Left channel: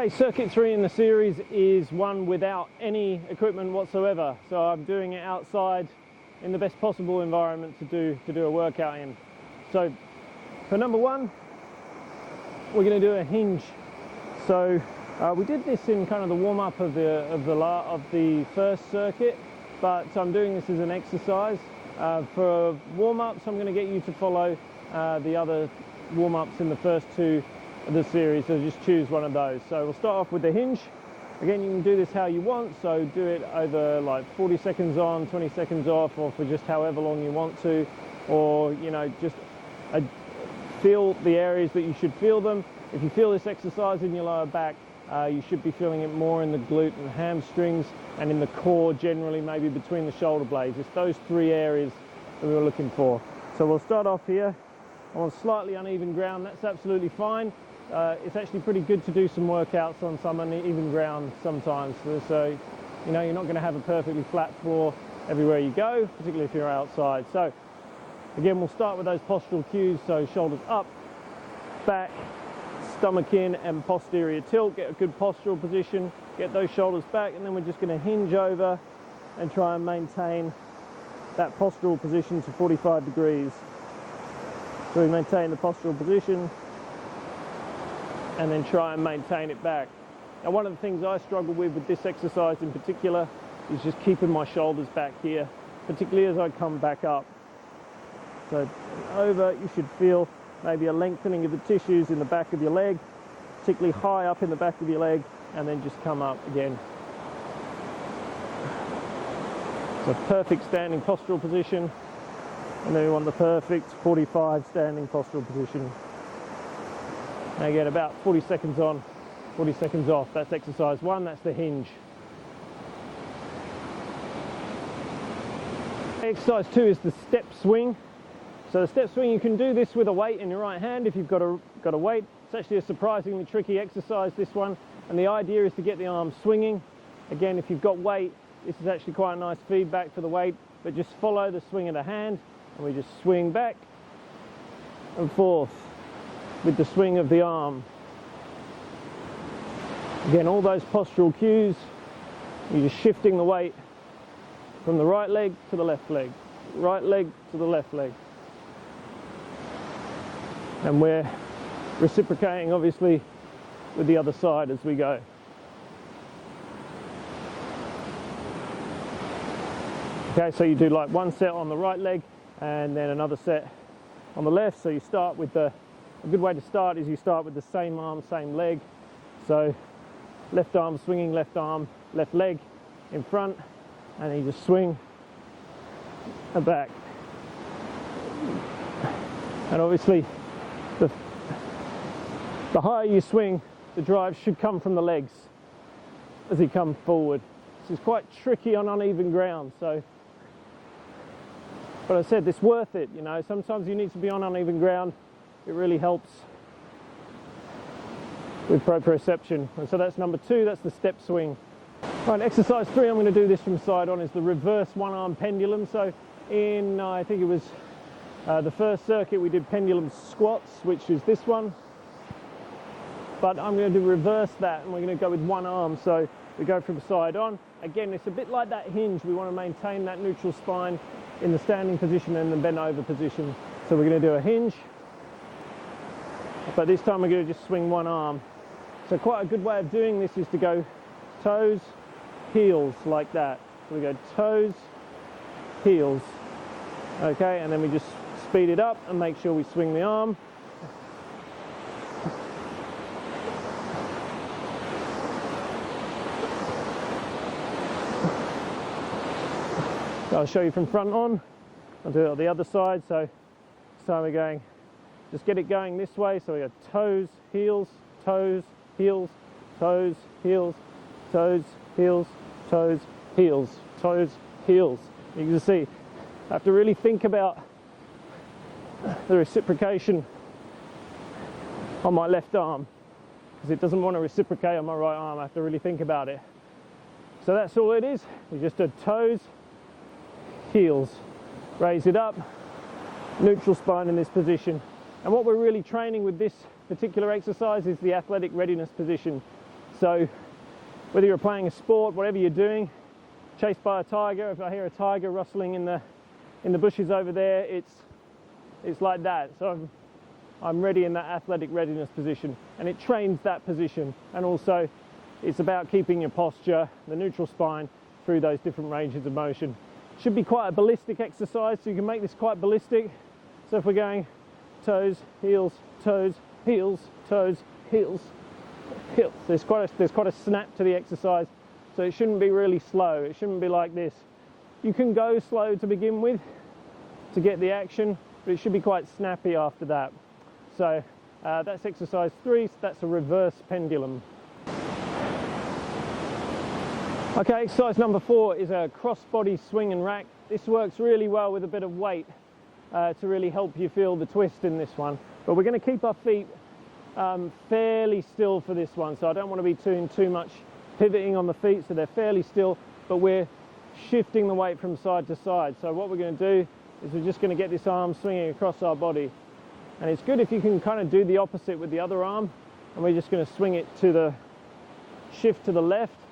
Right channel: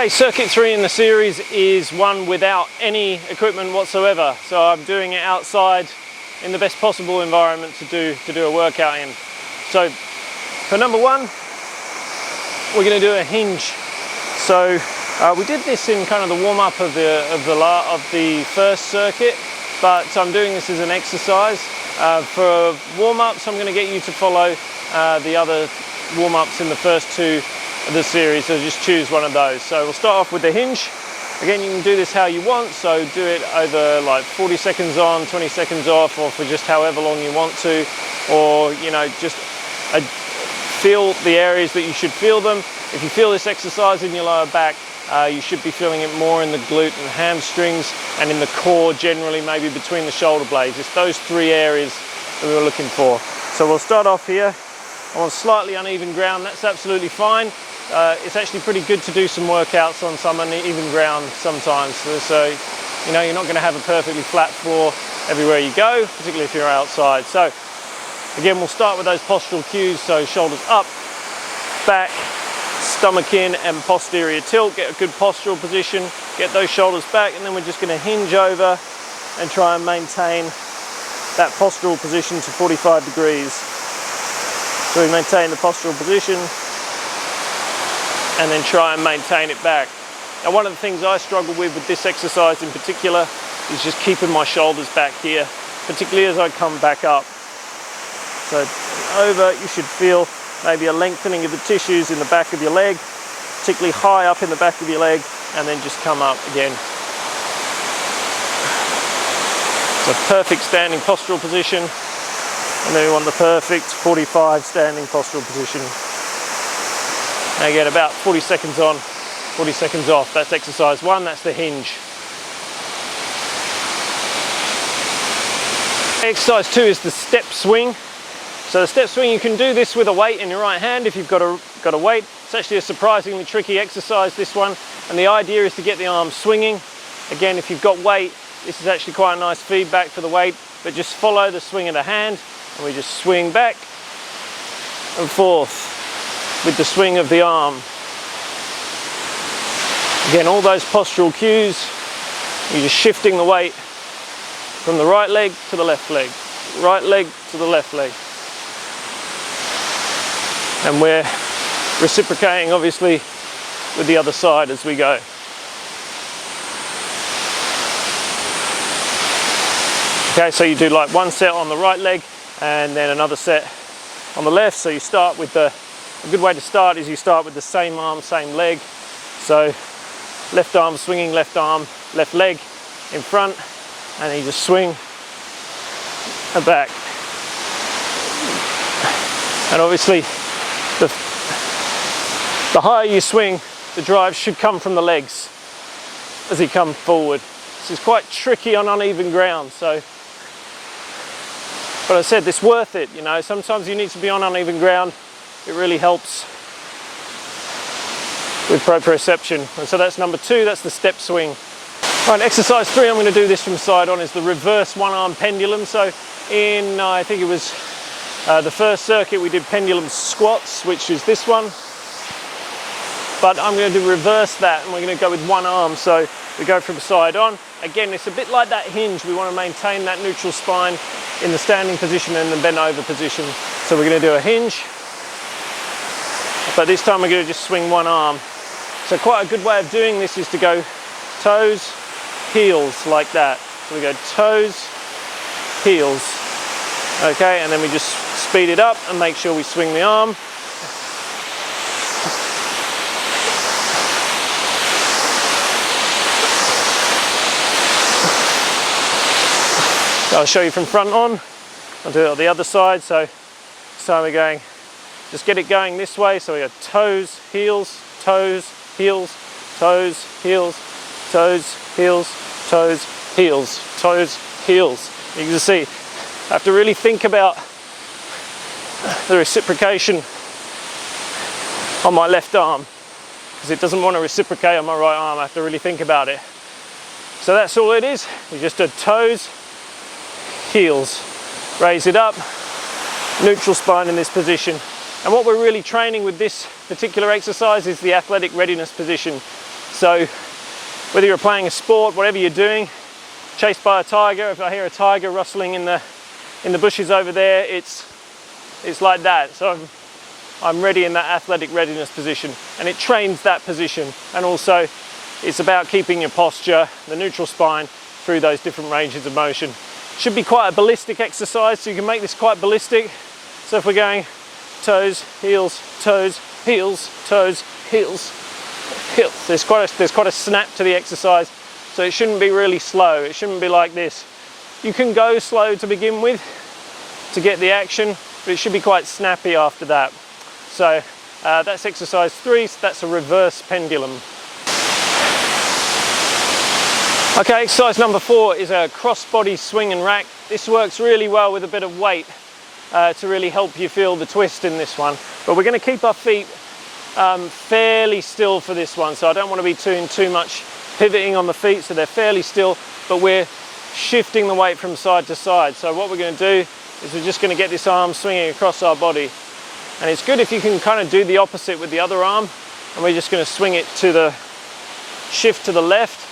Okay, circuit 3 in the series is one without any equipment whatsoever. So I'm doing it outside in the best possible environment to do a workout in. So for number 1, we're going to do a hinge. So we did this in kind of the warm-up of the first circuit, but I'm doing this as an exercise. For warm-ups, I'm going to get you to follow the other warm-ups in the first 2 of the series, so just choose one of those. So we'll start off with the hinge. Again, you can do this how you want, so do it over like 40 seconds on, 20 seconds off, or for just however long you want to, or just feel the areas that you should feel them. If you feel this exercise in your lower back, you should be feeling it more in the glute and hamstrings, and in the core generally, maybe between the shoulder blades. It's those 3 areas that we were looking for. So we'll start off here on slightly uneven ground. That's absolutely fine. It's actually pretty good to do some workouts on some uneven ground sometimes. So you're not going to have a perfectly flat floor everywhere you go, particularly if you're outside. So again, we'll start with those postural cues. So shoulders up, back, stomach in, and posterior tilt. Get a good postural position, get those shoulders back, and then we're just going to hinge over and try and maintain that postural position to 45 degrees. So we maintain the postural position and then try and maintain it back. Now, one of the things I struggle with this exercise in particular is just keeping my shoulders back here, particularly as I come back up. So over, you should feel maybe a lengthening of the tissues in the back of your leg, particularly high up in the back of your leg, and then just come up again. So perfect standing postural position, and then we want the perfect 45 standing postural position. Now you get about 40 seconds on, 40 seconds off. That's exercise 1, that's the hinge. Exercise 2 is the step swing. So the step swing, you can do this with a weight in your right hand if you've got a weight. It's actually a surprisingly tricky exercise, this one, and the idea is to get the arm swinging. Again, if you've got weight, this is actually quite a nice feedback for the weight, but just follow the swing of the hand, and we just swing back and forth with the swing of the arm. Again, all those postural cues, you're just shifting the weight from the right leg to the left leg, right leg to the left leg. And we're reciprocating, obviously, with the other side as we go. Okay, so you do like one set on the right leg and then another set on the left. So you start with a good way to start is you start with the same arm, same leg. So left arm swinging, left arm, left leg in front, and then you just swing and back. And obviously, the higher you swing, the drive should come from the legs as you come forward. This is quite tricky on uneven ground, so, but I said, it's worth it, sometimes you need to be on uneven ground. It really helps with proprioception. And so that's number 2, that's the step swing. All right, exercise 3, I'm going to do this from side on, is the reverse one-arm pendulum. So in, I think it was the first circuit, we did pendulum squats, which is this one. But I'm going to reverse that, and we're going to go with one arm. So we go from side on. Again, it's a bit like that hinge. We want to maintain that neutral spine in the standing position and the bent over position. So we're going to do a hinge. But this time we're going to just swing one arm. So quite a good way of doing this is to go toes, heels, like that. So we go toes, heels. Okay, and then we just speed it up and make sure we swing the arm. I'll show you from front on. I'll do it on the other side. So this time we're going, just get it going this way. So we go toes, heels, toes, heels, toes, heels, toes, heels, toes, heels, toes, heels. You can see, I have to really think about the reciprocation on my left arm because it doesn't want to reciprocate on my right arm. I have to really think about it. So that's all it is. We just do toes, heels, raise it up, neutral spine in this position. And what we're really training with this particular exercise is the athletic readiness position. So whether you're playing a sport, whatever you're doing, chased by a tiger, if I hear a tiger rustling in the bushes over there, it's like that. So I'm ready in that athletic readiness position, and it trains that position. And also it's about keeping your posture, the neutral spine, through those different ranges of motion. Should be quite a ballistic exercise, so you can make this quite ballistic. So if we're going toes, heels, heels, toes, heels, heels, there's quite a snap to the exercise. So it shouldn't be really slow. It shouldn't be like this. You can go slow to begin with to get the action, but it should be quite snappy after that. So that's exercise 3. So that's a reverse pendulum. Okay, exercise number 4 is a cross-body swing and rack. This works really well with a bit of weight to really help you feel the twist in this one. But we're going to keep our feet fairly still for this one, so I don't want to be doing too much pivoting on the feet, so they're fairly still, but we're shifting the weight from side to side. So what we're going to do is we're just going to get this arm swinging across our body. And it's good if you can kind of do the opposite with the other arm, and we're just going to swing it to the shift to the left.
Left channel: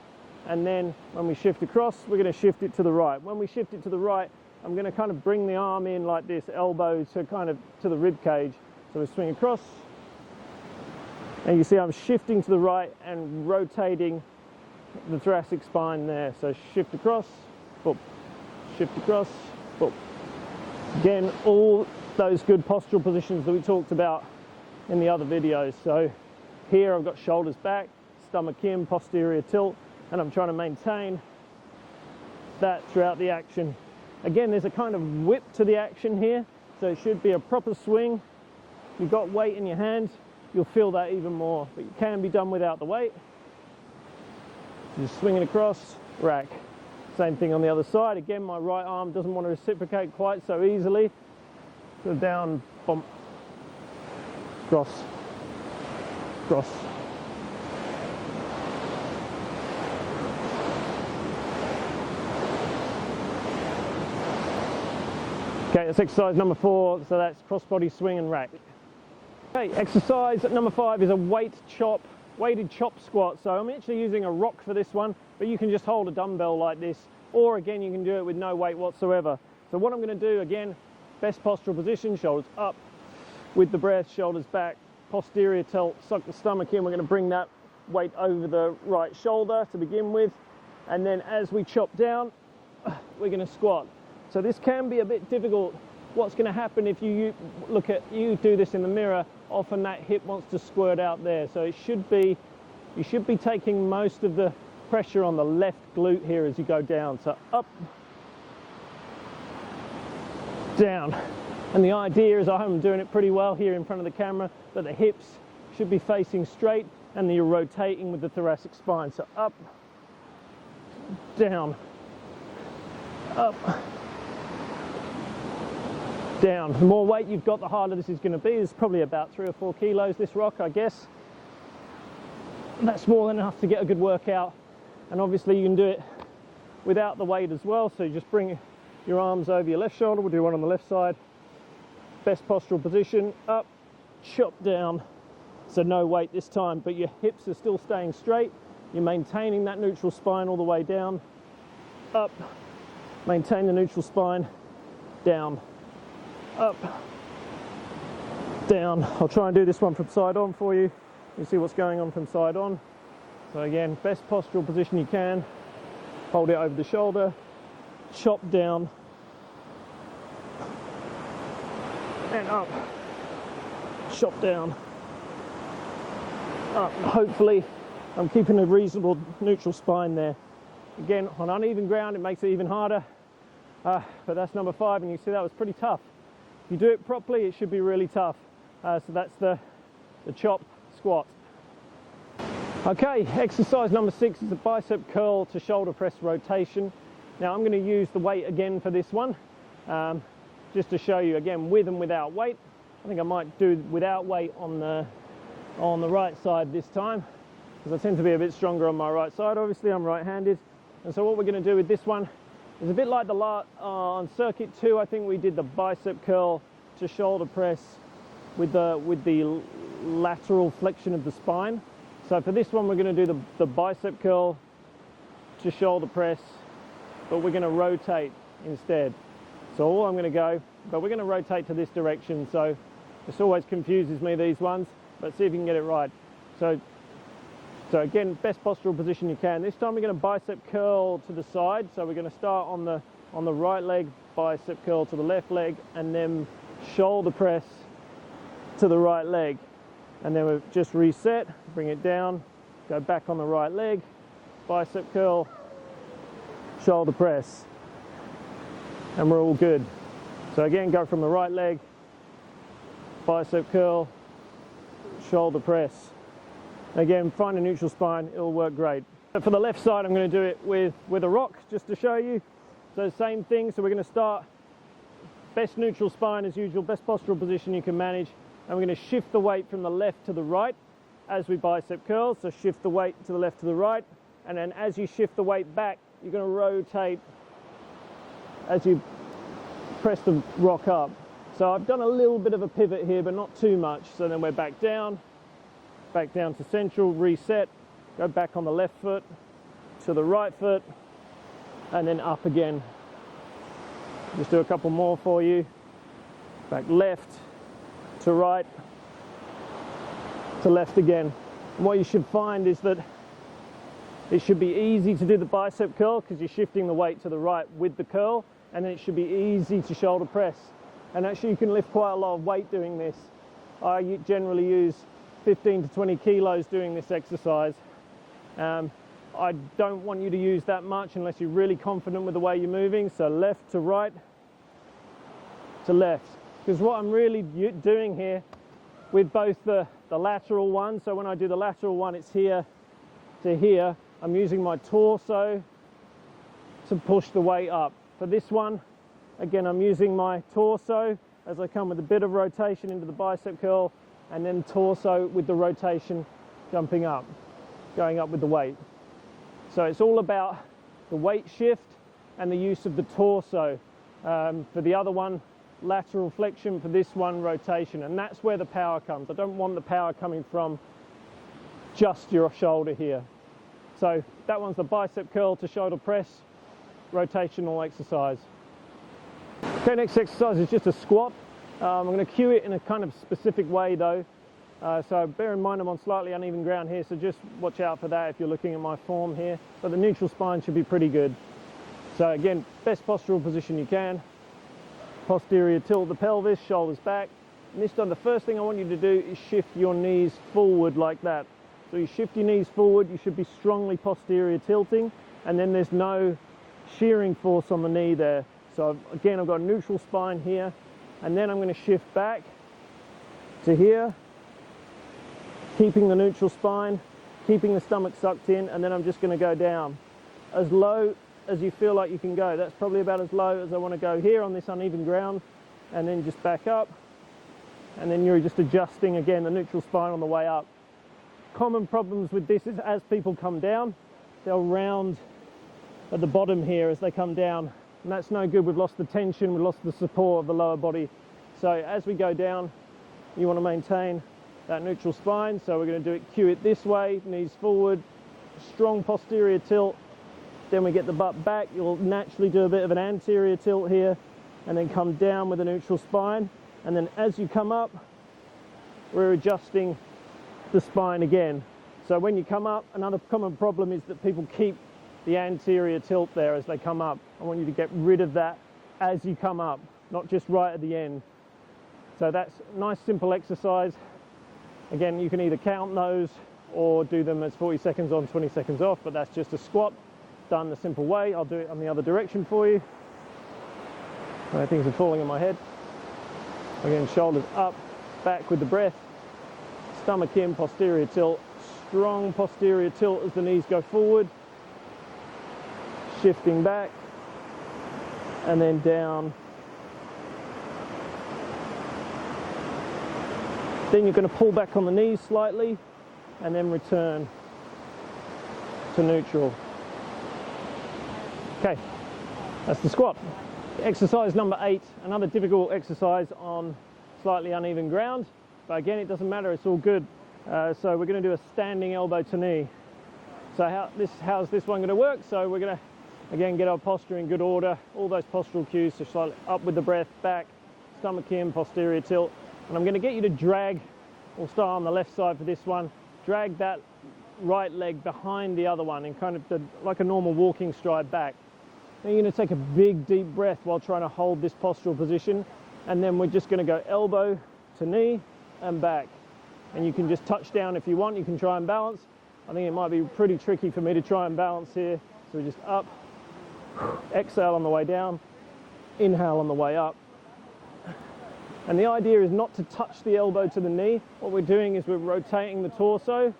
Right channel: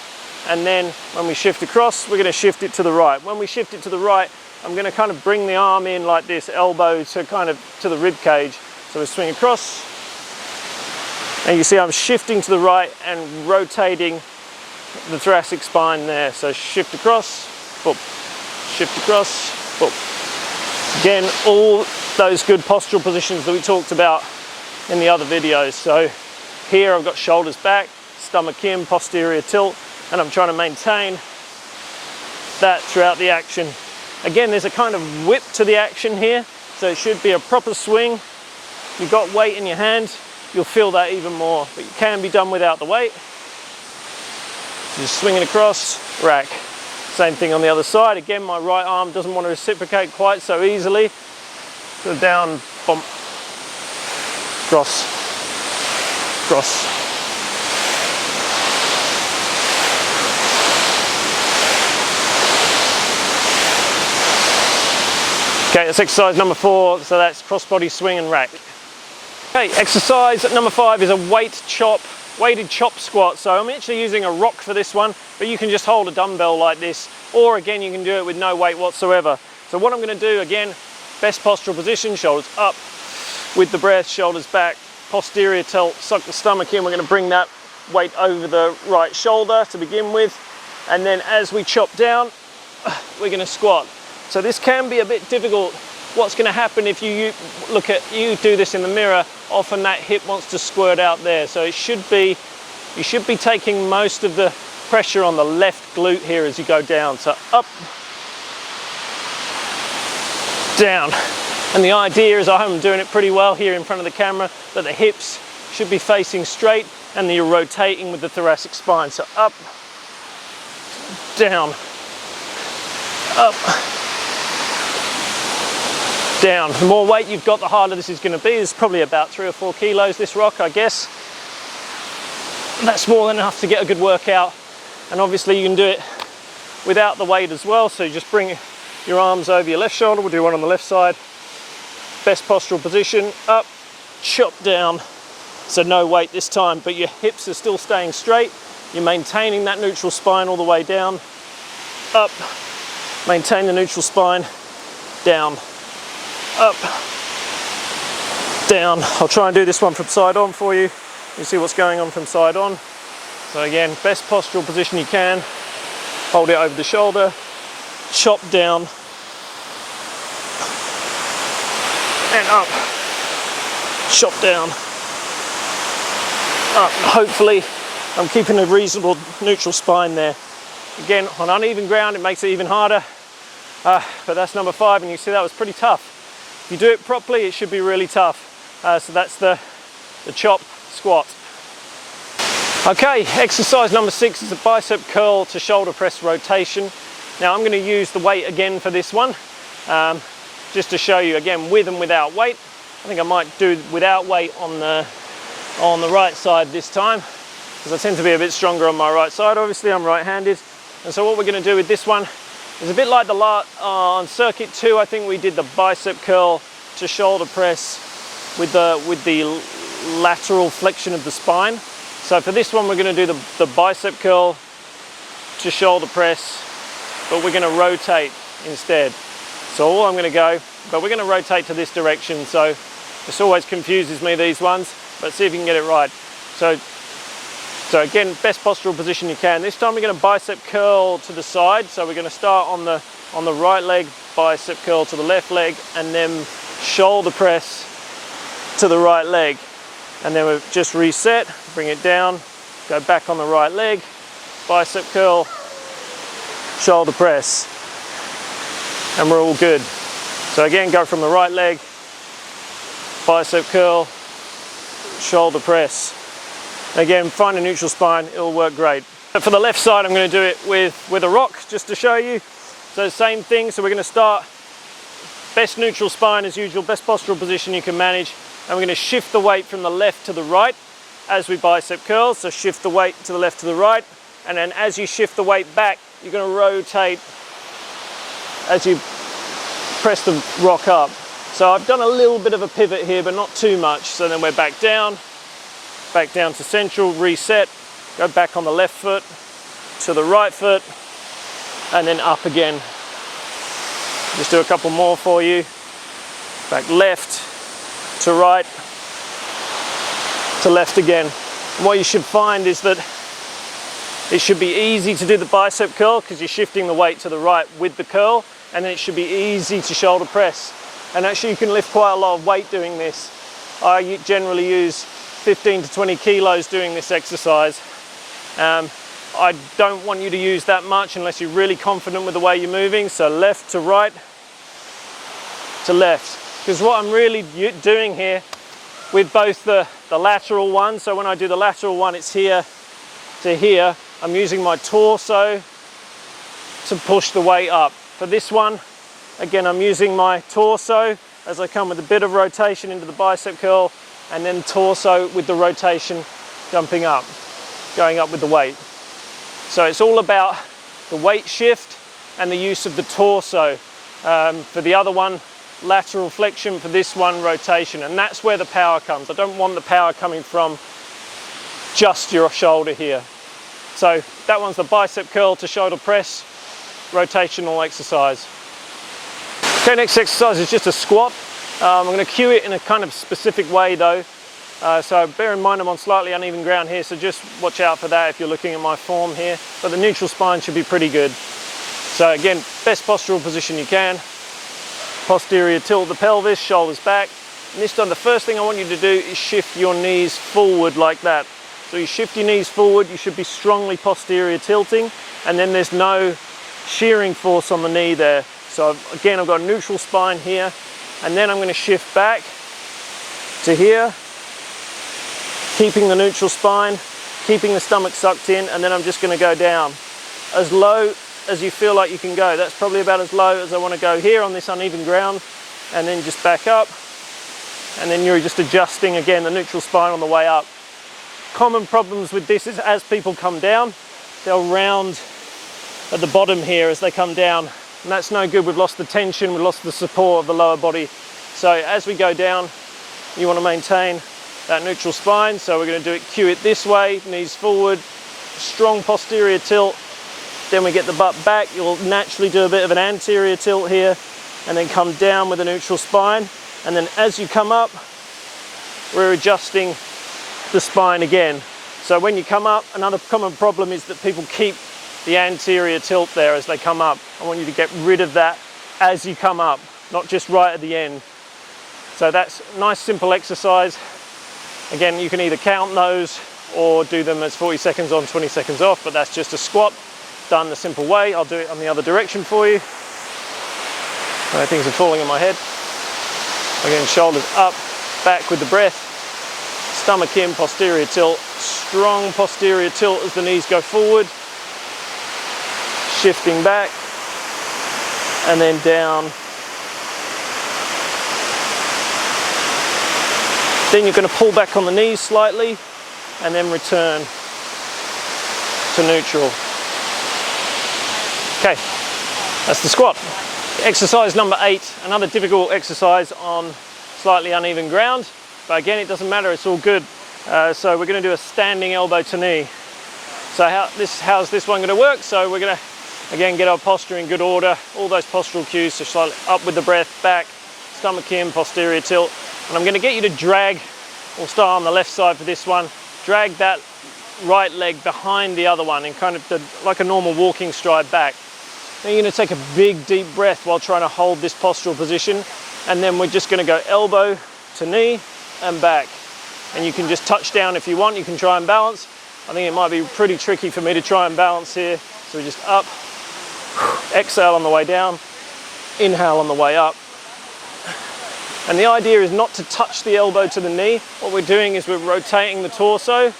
And then when we shift across, we're going to shift it to the right. When we shift it to the right, I'm going to kind of bring the arm in like this, elbow to kind of to the rib cage. So we swing across, and you see I'm shifting to the right and rotating the thoracic spine there. So shift across, boop, shift across, boop. Again, all those good postural positions that we talked about in the other videos. So here I've got shoulders back, stomach in, posterior tilt, and I'm trying to maintain that throughout the action. Again, there's a kind of whip to the action here, so it should be a proper swing. You've got weight in your hand, you'll feel that even more, but it can be done without the weight. So just swinging across, rack. Same thing on the other side. Again, my right arm doesn't want to reciprocate quite so easily. So down, bump, cross, cross. Okay, that's exercise number 4, so that's cross-body swing and rack. Okay, exercise number 5 is a weighted chop squat. So I'm actually using a rock for this one, but you can just hold a dumbbell like this, or again, you can do it with no weight whatsoever. So what I'm going to do, again, best postural position, shoulders up, with the breath, shoulders back, posterior tilt, suck the stomach in. We're going to bring that weight over the right shoulder to begin with, and then as we chop down, we're going to squat. So this can be a bit difficult. What's going to happen if you do this in the mirror, often that hip wants to squirt out there. So you should be taking most of the pressure on the left glute here as you go down. So up, down. And the idea is, I'm doing it pretty well here in front of the camera, that the hips should be facing straight and you're rotating with the thoracic spine. So up, down, up, down. The more weight you've got, the harder this is going to be. It's probably about 3 or 4 kilos, this rock, I guess. That's more than enough to get a good workout. And obviously you can do it without the weight as well. So you just bring your arms over your left shoulder. We'll do one on the left side. Best postural position, up, chop down. So no weight this time, but your hips are still staying straight. You're maintaining that neutral spine all the way down. Up, maintain the neutral spine, down. Up, down. I'll try and do this one from side on for you. You see what's going on from side on. So again, best postural position you can. Hold it over the shoulder, chop down, and up, chop down, up. Hopefully I'm keeping a reasonable neutral spine there. Again, on uneven ground, it makes it even harder. But that's number 5, and you see that was pretty tough. If you do it properly, it should be really tough. So that's the chop squat. Okay, exercise number 6 is a bicep curl to shoulder press rotation. Now I'm going to use the weight again for this one, just to show you again with and without weight. I think I might do without weight on the right side this time, because I tend to be a bit stronger on my right side. Obviously I'm right-handed, and so what we're going to do with this one is a bit like on circuit 2. I think we did the bicep curl to shoulder press with the lateral flexion of the spine. So for this one, we're going to do the bicep curl to shoulder press, but we're going to rotate instead. So all I'm going to go, but we're going to rotate to this direction. So this always confuses me, these ones, but see if you can get it right. So again, best postural position you can. This time we're going to bicep curl to the side. So we're going to start on the right leg, bicep curl to the left leg, and then shoulder press to the right leg. And then we've just reset, bring it down, go back on the right leg, bicep curl, shoulder press, and we're all good. So again, go from the right leg, bicep curl, shoulder press. Again, find a neutral spine, it'll work great. But for the left side, I'm going to do it with a rock, just to show you. So same thing, so we're going to start, best neutral spine as usual, best postural position you can manage. And we're going to shift the weight from the left to the right as we bicep curl. So shift the weight to the left to the right. And then as you shift the weight back, you're going to rotate as you press the rock up. So I've done a little bit of a pivot here, but not too much. So then we're back down to central, reset, go back on the left foot to the right foot, and then up again. Just do a couple more for you. Back left to right, to left again. And what you should find is that it should be easy to do the bicep curl because you're shifting the weight to the right with the curl, and then it should be easy to shoulder press. And actually you can lift quite a lot of weight doing this. I generally use 15 to 20 kilos doing this exercise. I don't want you to use that much unless you're really confident with the way you're moving. So left to right to left. Because what I'm really doing here with both the lateral one, so when I do the lateral one, it's here to here, I'm using my torso to push the weight up. For this one, again, I'm using my torso as I come with a bit of rotation into the bicep curl, and then torso with the rotation jumping up, going up with the weight. So it's all about the weight shift and the use of the torso. For the other one, lateral flexion, for this one, rotation, and that's where the power comes. I don't want the power coming from just your shoulder here. So that one's the bicep curl to shoulder press, rotational exercise. Okay, next exercise is just a squat. I'm going to cue it in a kind of specific way though. So bear in mind I'm on slightly uneven ground here, so just watch out for that if you're looking at my form here. But the neutral spine should be pretty good. So again, best postural position you can. Posterior tilt the pelvis, shoulders back. And this time the first thing I want you to do is shift your knees forward like that. So you shift your knees forward, you should be strongly posterior tilting, and then there's no shearing force on the knee there. So again, I've got a neutral spine here, and then I'm going to shift back to here, keeping the neutral spine, keeping the stomach sucked in, and then I'm just going to go down as low as you feel like you can go. That's probably about as low as I want to go here on this uneven ground, and then just back up, and then you're just adjusting again the neutral spine on the way up. Common problems with this is as people come down, they'll round at the bottom here as they come down, and that's no good. We've lost the tension, we've lost the support of the lower body. So as we go down, you want to maintain that neutral spine. So we're going to do it, cue it this way, knees forward, strong posterior tilt. Then we get the butt back. You'll naturally do a bit of an anterior tilt here, and then come down with a neutral spine. And then as you come up, we're adjusting the spine again. So when you come up, another common problem is that people keep the anterior tilt there as they come up. I want you to get rid of that as you come up, not just right at the end. So that's a nice simple exercise. Again, you can either count those or do them as 40 seconds on, 20 seconds off, but that's just a squat done the simple way. I'll do it on the other direction for you. Things are falling in my head. Again, shoulders up, back with the breath, stomach in, posterior tilt, strong posterior tilt as the knees go forward, shifting back, and then down. Then you're going to pull back on the knees slightly, and then return to neutral. Okay, that's the squat. Exercise number 8, another difficult exercise on slightly uneven ground, but again, it doesn't matter, it's all good. So we're going to do a standing elbow to knee. So how's this one going to work? So we're going to, again, get our posture in good order, all those postural cues, so slightly up with the breath, back, stomach in, posterior tilt. And I'm going to get you to drag, we'll start on the left side for this one, drag that right leg behind the other one in kind of like a normal walking stride back. Then you're going to take a big deep breath while trying to hold this postural position, and then we're just going to go elbow to knee and back. And you can just touch down if you want, you can try and balance. I think it might be pretty tricky for me to try and balance here. So we just up, exhale on the way down, inhale on the way up. And the idea is not to touch the elbow to the knee. What we're doing is we're rotating the torso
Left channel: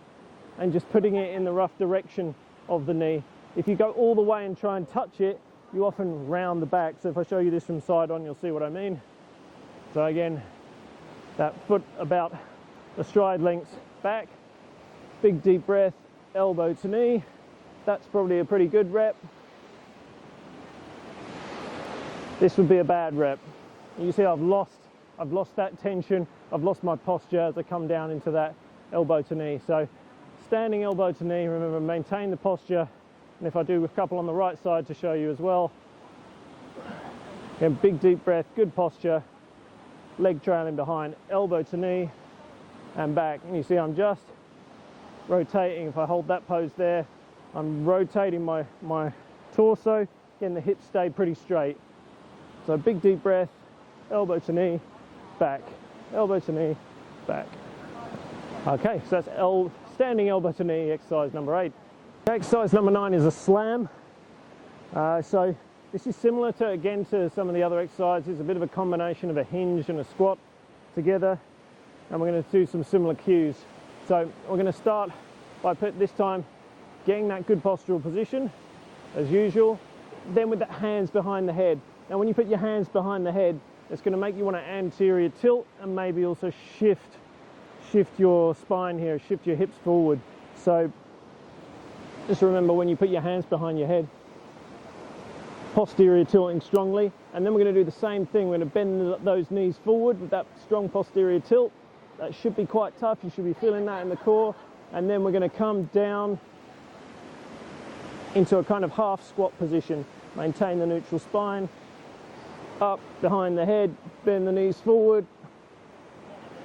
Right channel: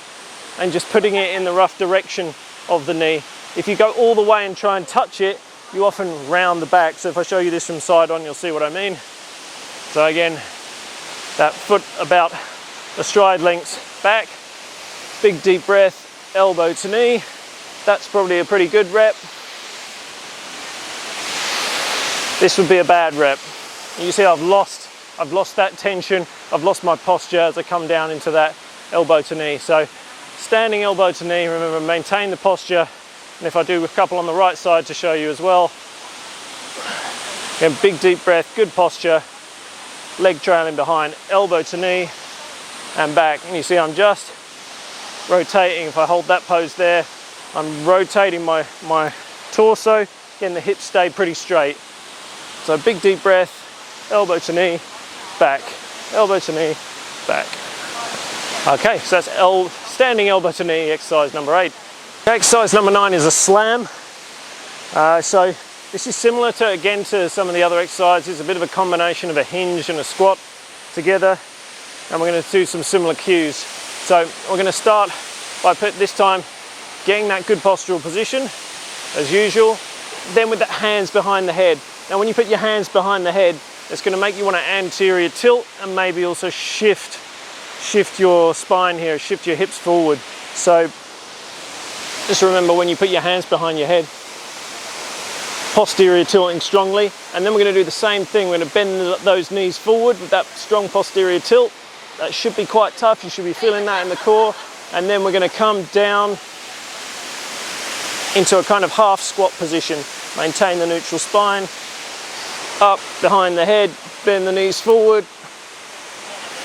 and just putting it in the rough direction of the knee. If you go all the way and try and touch it, you often round the back. So if I show you this from side on, you'll see what I mean. So again, that foot about a stride length back, big deep breath, elbow to knee. That's probably a pretty good rep. This would be a bad rep. You see I've lost that tension, I've lost my posture as I come down into that elbow to knee. So standing elbow to knee, remember, maintain the posture. And if I do a couple on the right side to show you as well. Again, big deep breath, good posture, leg trailing behind, elbow to knee and back. And you see I'm just rotating. If I hold that pose there, I'm rotating my torso, getting the hips stay pretty straight. So big deep breath, elbow to knee, back, elbow to knee, back. Okay, so that's standing elbow to knee, exercise number 8. Exercise number 9 is a slam. So this is similar to some of the other exercises, a bit of a combination of a hinge and a squat together. And we're going to do some similar cues. So we're going to start by this time getting that good postural position, as usual. Then with the hands behind the head. Now when you put your hands behind the head, it's going to make you want to anterior tilt and maybe also shift your spine here, shift your hips forward. So just remember, when you put your hands behind your head, posterior tilting strongly, and then we're going to do the same thing. We're going to bend those knees forward with that strong posterior tilt. That should be quite tough. You should be feeling that in the core. And then we're going to come down into a kind of half squat position. Maintain the neutral spine, up behind the head, bend the knees forward,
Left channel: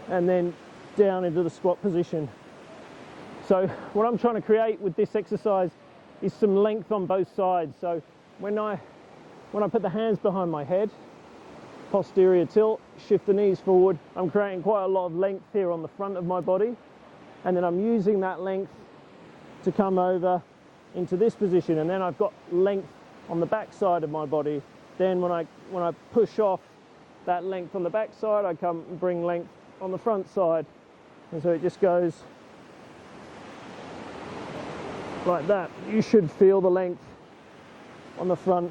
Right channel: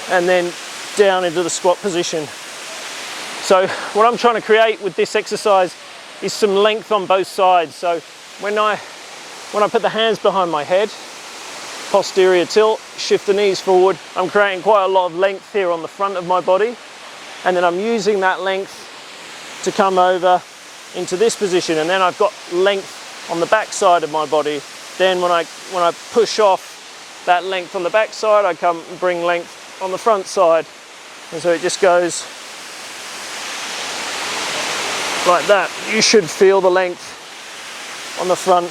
and then down into the squat position. So what I'm trying to create with this exercise is some length on both sides. So when I put the hands behind my head, posterior tilt, shift the knees forward, I'm creating quite a lot of length here on the front of my body. And then I'm using that length to come over into this position. And then I've got length on the back side of my body. Then when I push off that length on the back side, I come and bring length on the front side. And so it just goes like that. You should feel the length on the front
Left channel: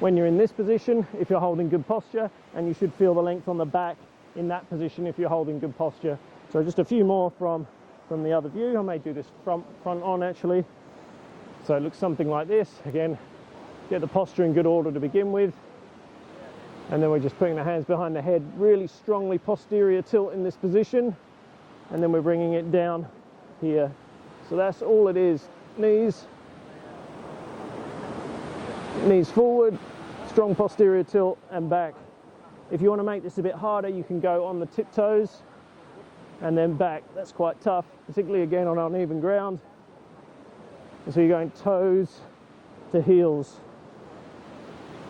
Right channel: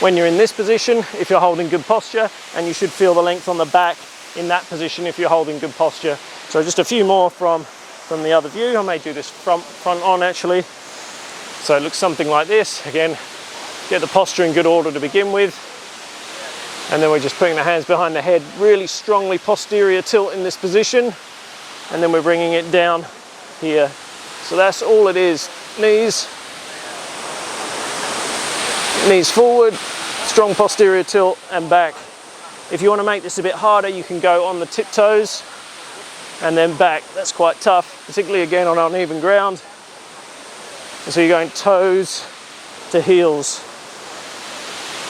when you're in this position if you're holding good posture, and you should feel the length on the back in that position if you're holding good posture. So just a few more from the other view. I may do this front on actually. So it looks something like this. Again, get the posture in good order to begin with, and then we're just putting the hands behind the head, really strongly posterior tilt in this position, and then we're bringing it down here. So that's all it is. Knees forward, strong posterior tilt and back. If you want to make this a bit harder, you can go on the tiptoes and then back. That's quite tough, particularly again on uneven ground. And so you're going toes to heels.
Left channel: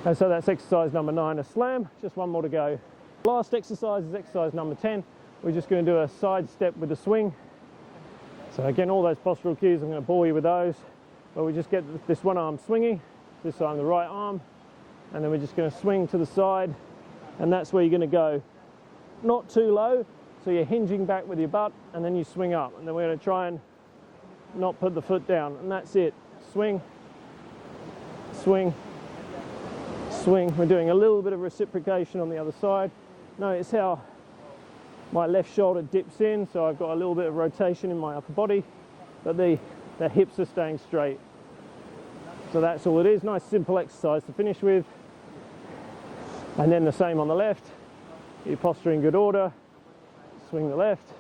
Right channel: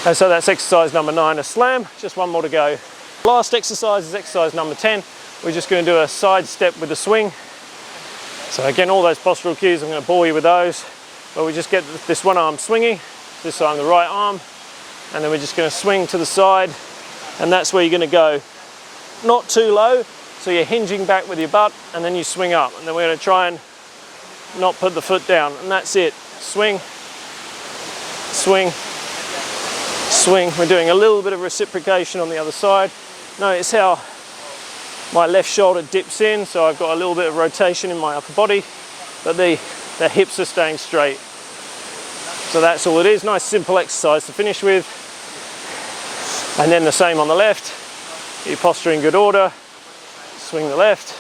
And so that's exercise number 9, a slam. Just one more to go. Last exercise is exercise number 10. We're just going to do a side step with a swing. So again, all those postural cues, I'm going to bore you with those. But we just get this one arm swinging, this time the right arm, and then we're just going to swing to the side, and that's where you're going to go. Not too low, so you're hinging back with your butt, and then you swing up. And then we're going to try and not put the foot down, and that's it. Swing, swing, swing. We're doing a little bit of reciprocation on the other side. Notice how my left shoulder dips in, so I've got a little bit of rotation in my upper body, but the hips are staying straight. So that's all it is. Nice simple exercise to finish with. And then the same on the left. Your posture in good order. Swing the left,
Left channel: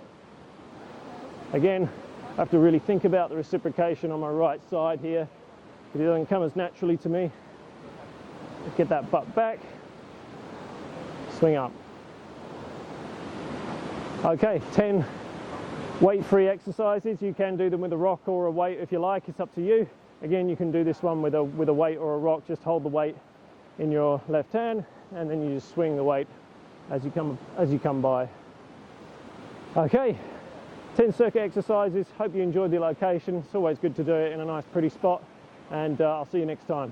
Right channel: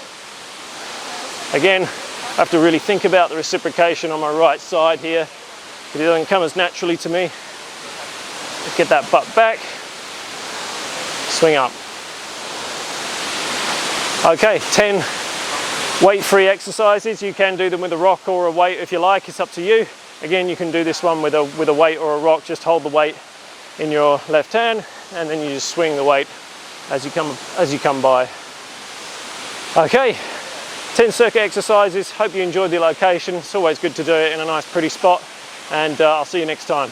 Again, I have to really think about the reciprocation on my right side here. It doesn't come as naturally to me. Get that butt back, swing up. Okay, 10 weight-free exercises. You can do them with a rock or a weight if you like, it's up to you. Again, you can do this one with a weight or a rock. Just hold the weight in your left hand and then you just swing the weight as you come by. Okay, 10 circuit exercises. Hope you enjoyed the location. It's always good to do it in a nice pretty spot, and I'll see you next time.